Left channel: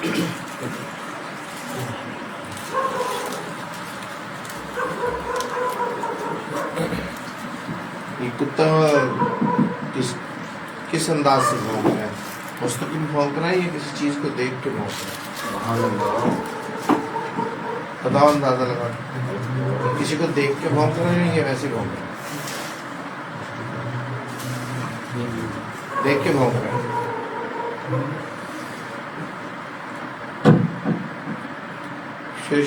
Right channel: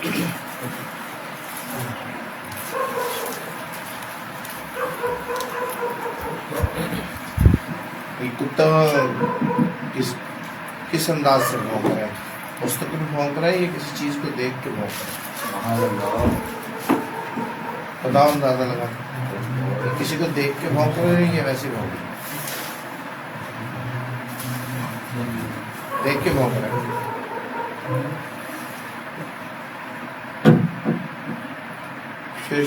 کتا کس انداز سے بھونک رہا ہے؟ مستقل بھونک رہا ہے یا کسی چیز کو دیکھ کے بھونک رہا ہے؟ اندازہ لگا کسی کو دیکھ کے بھونک رہا ہے یا ویسے بھونک رہا ہے؟ دیکھ کے بھونک رہا ہے.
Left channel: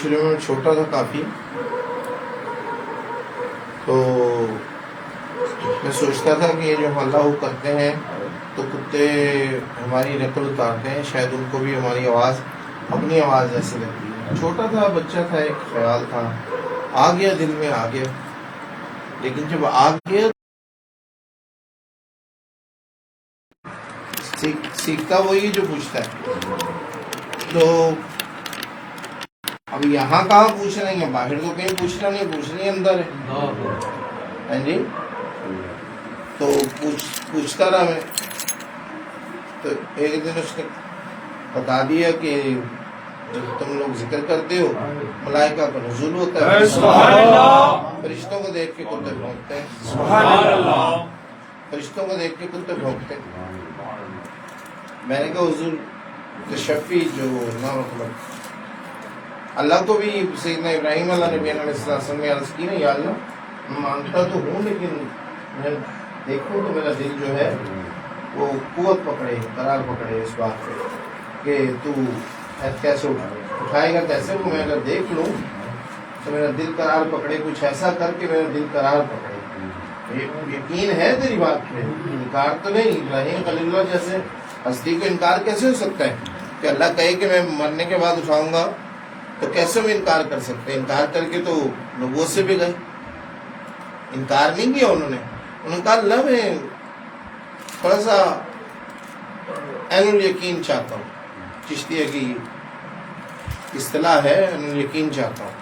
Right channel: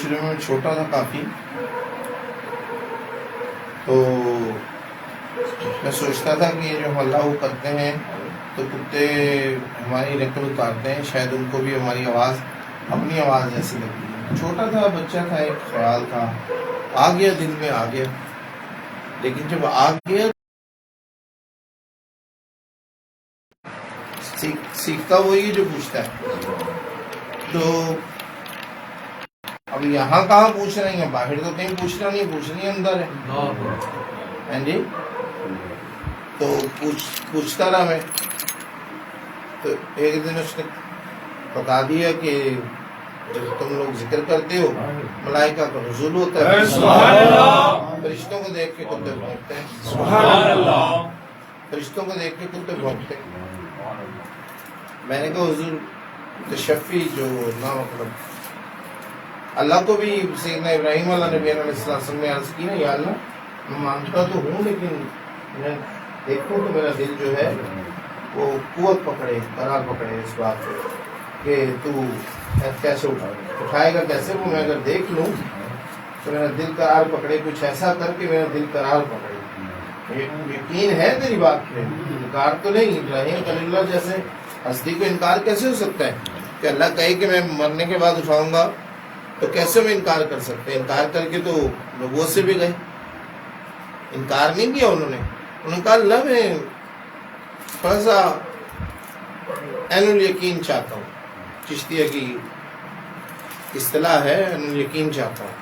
شروع میں چھوٹا تھا کافی، تو میں سوچتا تھا کہ یہ جو ہم اللہ کرتے ہیں تو کتے ہماری نقل اتارتے ہیں، شاید ان کو بھی ہماری آواز اپنی آواز جیسی لگتی ہے. چھوٹا تھا، بچہ تھا، ایک خیال تھا، آ گیا دل میں، آ گیا. لیکن جب آ گیا سیکھتا وہی جو پوچھتا ہے. تو اب یہاں کہاں پوچھ رہے ہیں، باہر تو کہیں پوچھنا نہیں، پوچھنا ہی اندر ہے. ہاں جی. تو پوچھتا رہا میں. تو ایک دن اس نے بتا دیا کہ جب تم لوگ ذکر کرتے ہو ملائکہ کا نزول ہوتا ہے، فرشتوں کو دیکھ کے کتے بھونکتے ہیں. فرشتوں کو دیکھ کے کتے بھونکتے ہیں. میں نے کہا حضور تشفی جو نہ مطلب اللہ کو بھی سیدنا ابراہیم علیہ نبی علیہ السلام نے عرض کی نا، یا اللہ میں مانگتا تو ہوں لیکن میں دیکھوں تو میرا دل جو ہے وہ قوت پکڑے، قرار پکڑے اس بات پہ کہ تو کیسے اٹھائے گا کیسے. وہ میں اگر دیکھ لوں تو میرا دل قرار پکڑے، کچھ ایسا کر کے میرا دل قرار پکڑے. یقین ہے تیری بات پہ، انکار تو نہیں. ابراہیم خلیل اللہ جیسے ہستی کو انکار کیسے ہو سکتا ہے کہ اللہ کہے کہ میں مرنے کے بعد اٹھاؤں گا، تو کیسے میں انکار کر سکتے ہیں؟ انکار کر کے تو نبوت سے بھی گئے. انکار نہیں کیا انہوں نے کہا اللہ میں تھوڑا سا عین الیقین چاہتا ہوں. چشتیہ کی اصطلاح ہے عین الیقین چاہتا ہوں.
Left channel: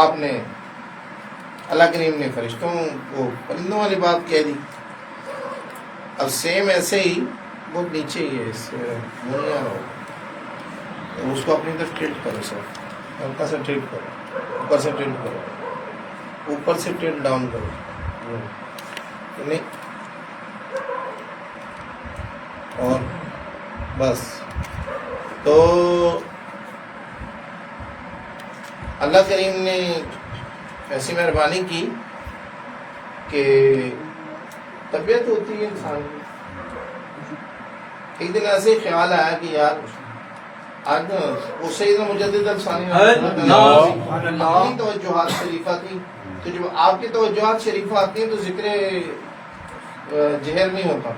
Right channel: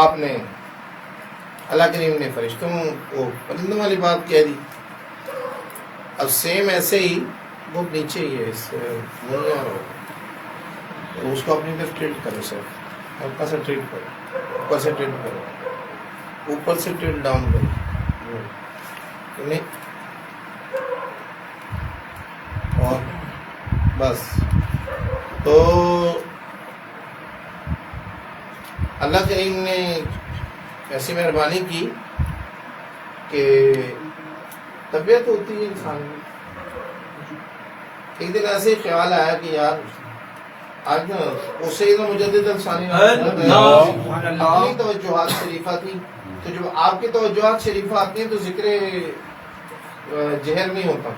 آپ نے اللہ کریم نے فرشتوں کو پرندوں والی بات کہہ دی. اب سیم ایسے ہی بہت نیچے ہی ہے، اس اس کو اپنی طرف ٹلٹ کرو سر، ہلکا سے ٹلٹ کرو، اوپر سے ٹلٹ کرو، اوپر سے ٹلٹ ڈاؤن کرو. اور بس. تو اللہ کریم نے ایسی مہربانی کی کہ طبیعت ہوتی ہے انسان کی. ایک دن ایسے ہی خیال آیا کہ یار آج نا وہ سیدنا مجدد الثانی اپنی توجہات شریفہ تھی. تو جب آپ کی توجہات شریفہ آتی ہیں تو ذکر جہر نہیں ہوتا،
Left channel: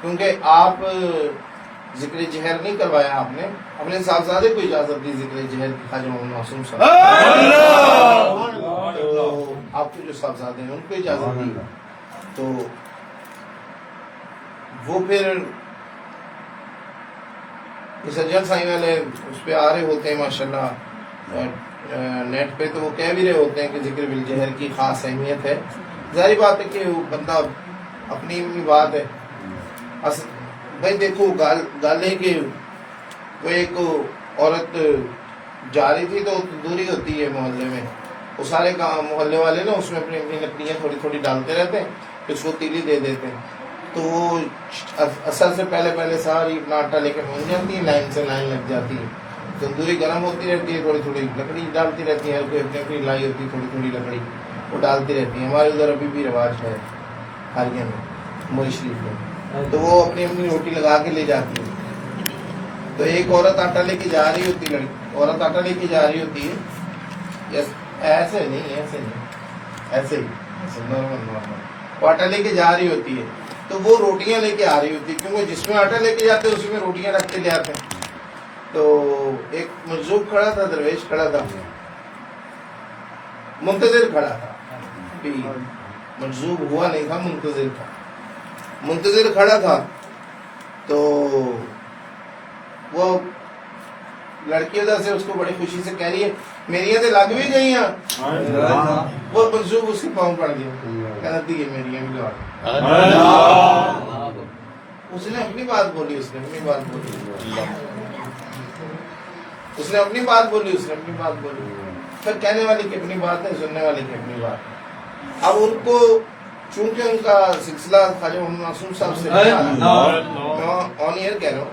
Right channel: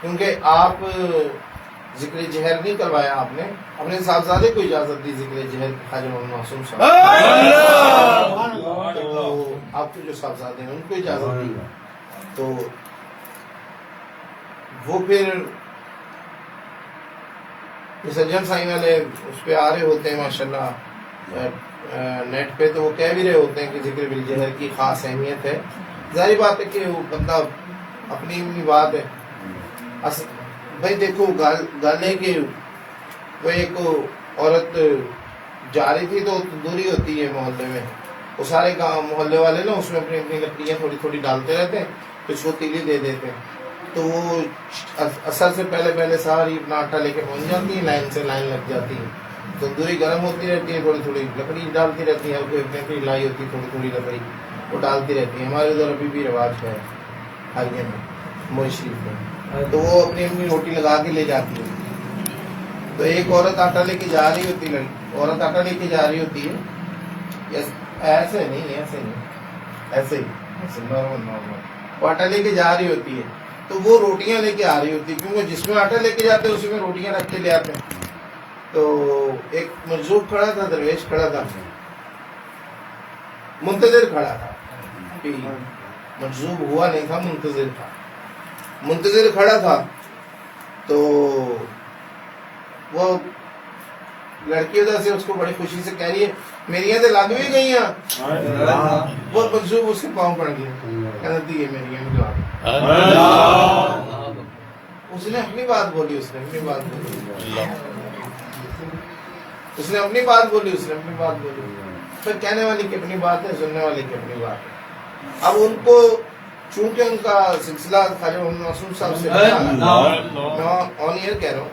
کیونکہ آپ ذکر جہر نہیں کروایا. آپ نے اپنے صاحبزادے کو اجازت دی ذکر جہر کی، خواجہ محمد معصوم صاحب. تو آپ کے جو صاحبزادے ہیں ان کو اجازت دی. تو وہ پھر سجن سائی والے اس پہ آ رہے ہوتے ہیں ماشاءاللہ نیٹ پہ، تو وہ کہہ بھی رہے ہوتے ہیں کہ ذکر بالجہر کی خاص اہمیت ہے. ظاہری بات ہے کہ وہ بندہ اپنی بات ہے. بھائی دیکھو گال ہے کہ وہ ایک عورت جا رہی تھی تو دوری ہوتی ہے محلے میں، وہ سارے گاؤں محلے والے نا اس میں اپنی اپنی لکڑیاں تھوڑی تھوڑی ڈالتے رہتے ہیں، پھر اس کو تیلی دے دیتے ہیں. تو وہ اثر سے پہلے ساری اپنا آٹا لے کے پہنچ جاتی ہے، لائن سے لائن لگ جاتی ہے. تندوری گرم ہوتی رہتی ہے، تھوڑی تھوڑی لکڑی ڈالتی رہتی ہے، کوئی لائی ہوتی ہے تھوڑی تھوڑی لکڑی وہ ڈالتی رہتی ہے. ہمارے ادھر ابھی بھی رواج ہے حالیہ میں موئی شریف میں. تو وہ اپنی اپنی روٹی لگا کے لے جاتی ہے. تو ایک عورت آٹا لے کے جا رہی ہوتی ہے، ایسے نہیں ایسے ہی نارمل وہ آٹا لے کے جا رہی ہوتی ہے. تو وہ روٹیاں لے کے آ رہی ہوتی ہے، کیونکہ جس میں آٹا لے کے جاتے ہیں اسی میں روٹیاں رکھ کے لے آتے ہیں. تو ایک مجذوب کھڑا تھا، درویش کھڑا تھا، منتظر کھڑا تھا. مجذوب ہوا نہیں تھا، منتظر کھڑا تھا. تو وہ لڑکی ادھر سے اس کو بڑی خوشی سے کہہ رہی ہے میری تو لگ بھی گئی ہیں. وہ مجذوب اس کے پاؤں پڑ گئے، کہنا دیے میری بھی لوا دیں. اس نے اپنی بات بولی. اس نے اپنی بات بولی، اس نے اپنی بات بولی. پھر کہنے والی کی اپنی بات ہے، سننے والی کی اپنی بات ہے. اب ان کو چونکہ ان کا سلسلہ خواجہ محمد معصوم صاحب سے نہیں آ رہا، میں آن ایئر کہہ رہا ہوں،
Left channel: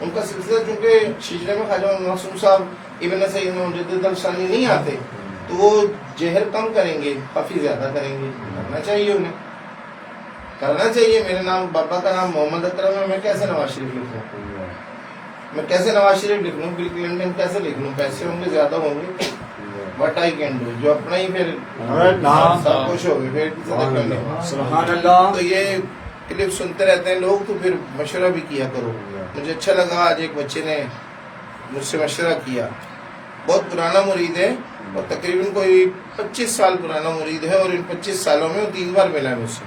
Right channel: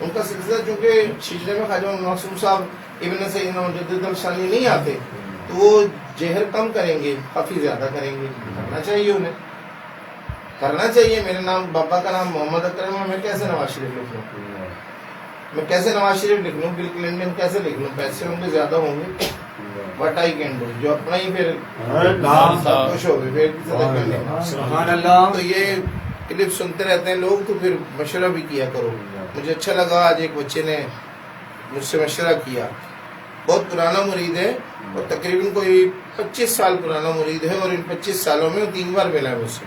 ان کا سلسلہ چونکہ سلسلے میں خواجہ محمد معصوم صاحب ابن سیدنا مجدد الثانی نہیں آتے، تو وہ جہر کم کریں گے، خفی زیادہ کریں گے. کرنا چاہیے انہیں، کرنا چاہیے. میرے نام باپا کا نام محمد اکرم ہے، میں کیسے نواز شریف لکھ لوں؟ میں کیسے نواز شریف لکھ لوں؟ بل کلنٹن کیسے لکھ لوں؟ پیسے ہوں گے، زیادہ ہوں گے. وٹ آئی کین ڈو، جو اپنا ہی پھر سب خوش ہو گئے. پھر سبحان اللہ. تو یہ کلپ سنتے رہتے ہیں لوگ، تو پھر مشورہ بھی کیا کرو. مجھے اچھا لگا آج ایک بچے نے مجھ سے مشورہ کیا، بہت پرانا مرید ہے اور تقریباً کوئی 25 سال پرانا مرید ہے، اور ان 25 سالوں میں وہ 3 بار ملا مجھ سے.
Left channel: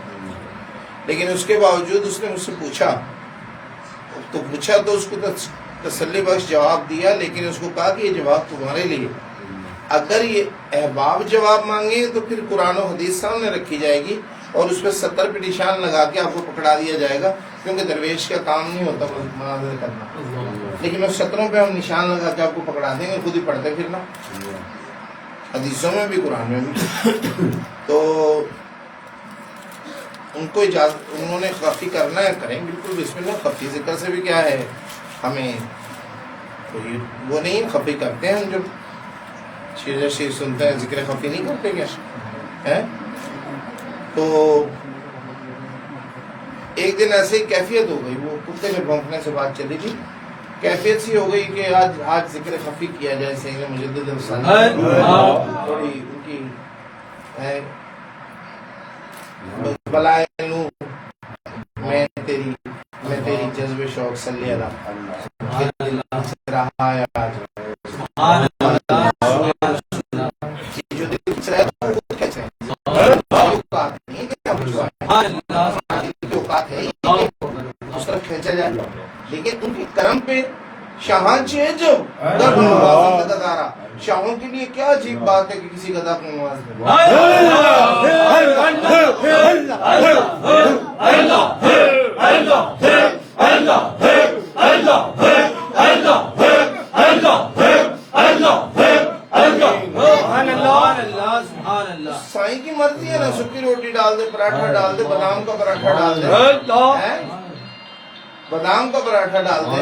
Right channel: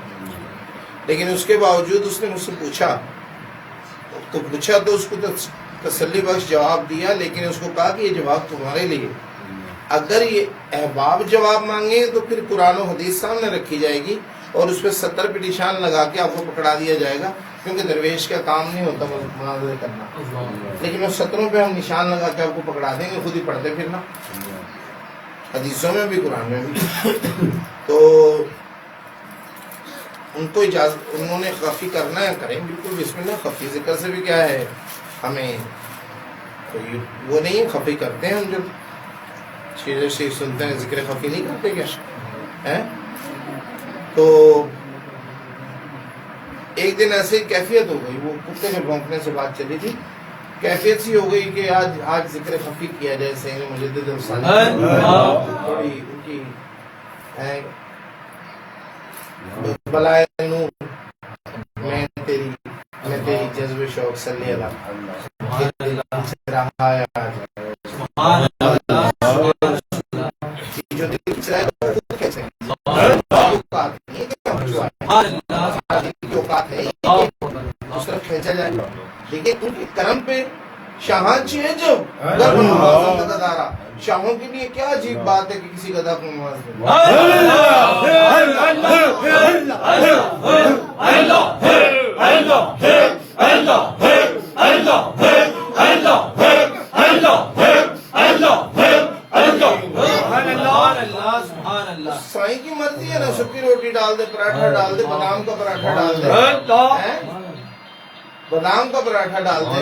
لیکن اس کے باوجود اس نے مجھ سے پوچھا تو اس کو تسلی بخش جواب دیا، لیکن اس کو کہا کہ یہ جواب تمہارے لیے. اگر یہ احباب جواب مانگے تو پھر قرآن و حدیث سامنے رکھی جائے گی اور اس پہ 70 پہ نشان لگا کے آپ کو پکڑا دیا جائے گا، کیونکہ درویش کا کام نہیں ہوتا مناظرے کرنا. لیکن اس 70 پہ ہم نشان لگا کے آپ کو پکڑا دیں گے، خود ہی پڑھتے پھرنا، حدیثوں میں بھی قرآن میں بھی. تو ان کو اجازت، انہوں نے خفی کرنا ہے کریں، بالکل بسم اللہ. خفی ذکر سے بھی کیا ہے، ہمیں کوئی وہ نہیں، خفی کرتے ہیں ہم. جب شیر شیر سنتے ہیں ذکر خفی نہیں کرتے کیا؟ تو ایک دن ایسے ہی کیفیت ہو گئی، وہ کتے میں بھونکنے سے بات چلی تھی، کیفیت سی ہو گئی کہ آج ذکر خفی کیا جائے. سید مجدد الثانی تھوڑی ان کی بلائے نور میں تیری جذب شوق صلی اللہ رہا ہے آج. جو دل سے ہے وہ کیسے کھینچا جائے، لیکن ان کے کرم پہ شاہاں جو گدارا. شاہوں کے لیے کیا عجیب بات ہے کہ کسی گدا کو نواز دے. سائی کی مرضی ہے نا، سکی روٹی ڈال دے، پراٹھا ڈال دے، بادام کا پراٹھا ڈال دے، بادام کا پراٹھا ڈال دے،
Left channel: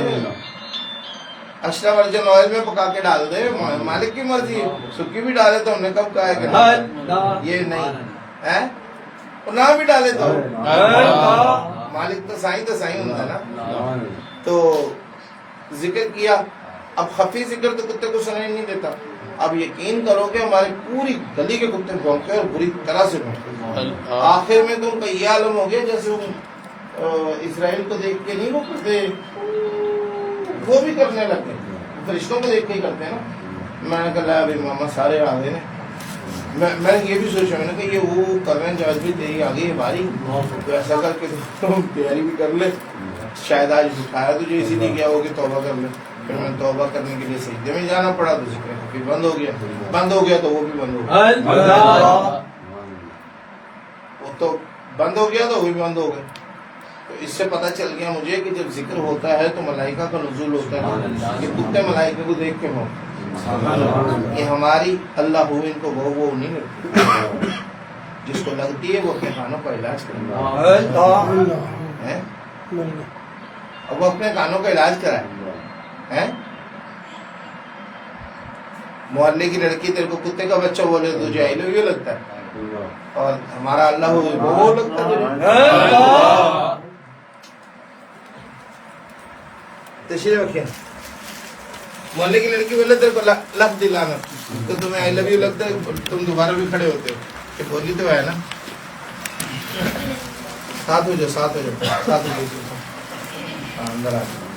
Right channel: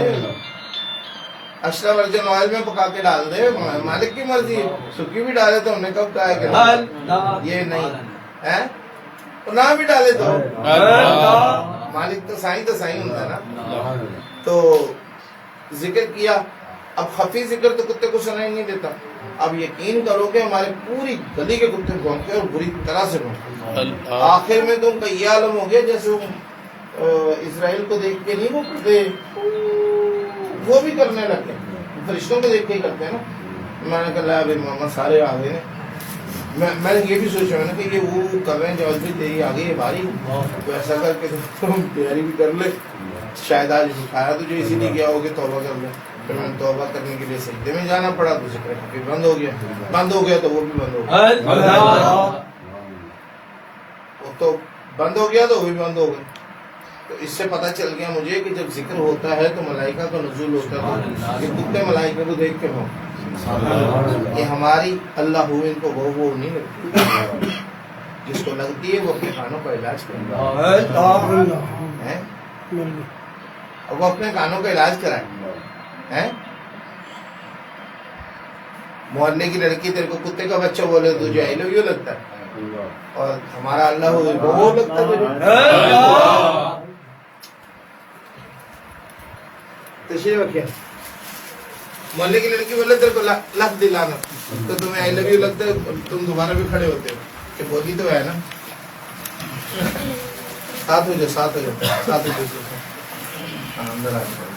ایکسٹرا ورجن آئل میں پکا کے ڈال دے. مالک کی مرضی، سکی بھی ڈالے تو ہم نے کب کہا ہے کہ یہ نہیں ہے، اور نہ بھی ڈالے تو مالک تو سائی ہوتا ہے نا. تو ذکر کیا. اب خفی ذکر تو کتے کو سنائی نہیں دیتا. اب یقین کرو کہ ہماری پوری گلی کے کتے بھونکتے اور بری طرح سے بھونکتے. آخر میں تو ان کا یہ عالم ہو گیا جیسے وہ اسرائیل کو دیکھ کے نہیں وہ کرتے، وہ بھی کرنے لگے. فرشتوں کو دیکھ کے ہی کرتے ہیں نا. میں نے کہا ابھی محمد سارے آ گئے. میں نے یہ بھی سوچا، میں نے کہ یہ وہ کر رہے ہیں جو بھی تیری آ گئی ہے باری، تو ایسا کر کے تم تیاری بھی کر لے. شاید آج اٹھایا تجھے اسی لیے کیا ہو کہ توبہ کر لے. پھر میں نے توبہ کرنے کے لیے سجدے میں جانا پڑا، تو ذکر خفی بند ہو گیا تو وہ بھی بند ہو گیا. وہ تو بند ہو گیا تو وہ بھی بند ہو گئے. تو اس سے پتہ چل گیا مجھے کہ جب ذکر ہوتا ہے تو ملائکہ کا نزول ہوتا ہے. یہ کتے ملائکہ کو دیکھ کے یہ ہماری اللہ ہو، ان کو وہ نہیں لگتی. جس کو لگتی ہے وہ اپنے کانوں کا علاج کرے. اب وہ اپنے کانوں کا علاج کرائے. محلے کی لڑکی تیرے کو کتے کا بچہ بولے تو جو آئی لو یو لگتا ہے، اور ہمارا اللہ ہو وہ لگتا ہے. تشریف رکھیں. محلے کی لڑکی بولے تیرے کو لفظ دلانا تو تمہیں آئی لو یو لگتا ہے، تم دوبارہ بھی کھڑے ہوتے ہو. یہ بولی تو ہے نا. ساتھ ہو جاؤ اندر آ جاؤ.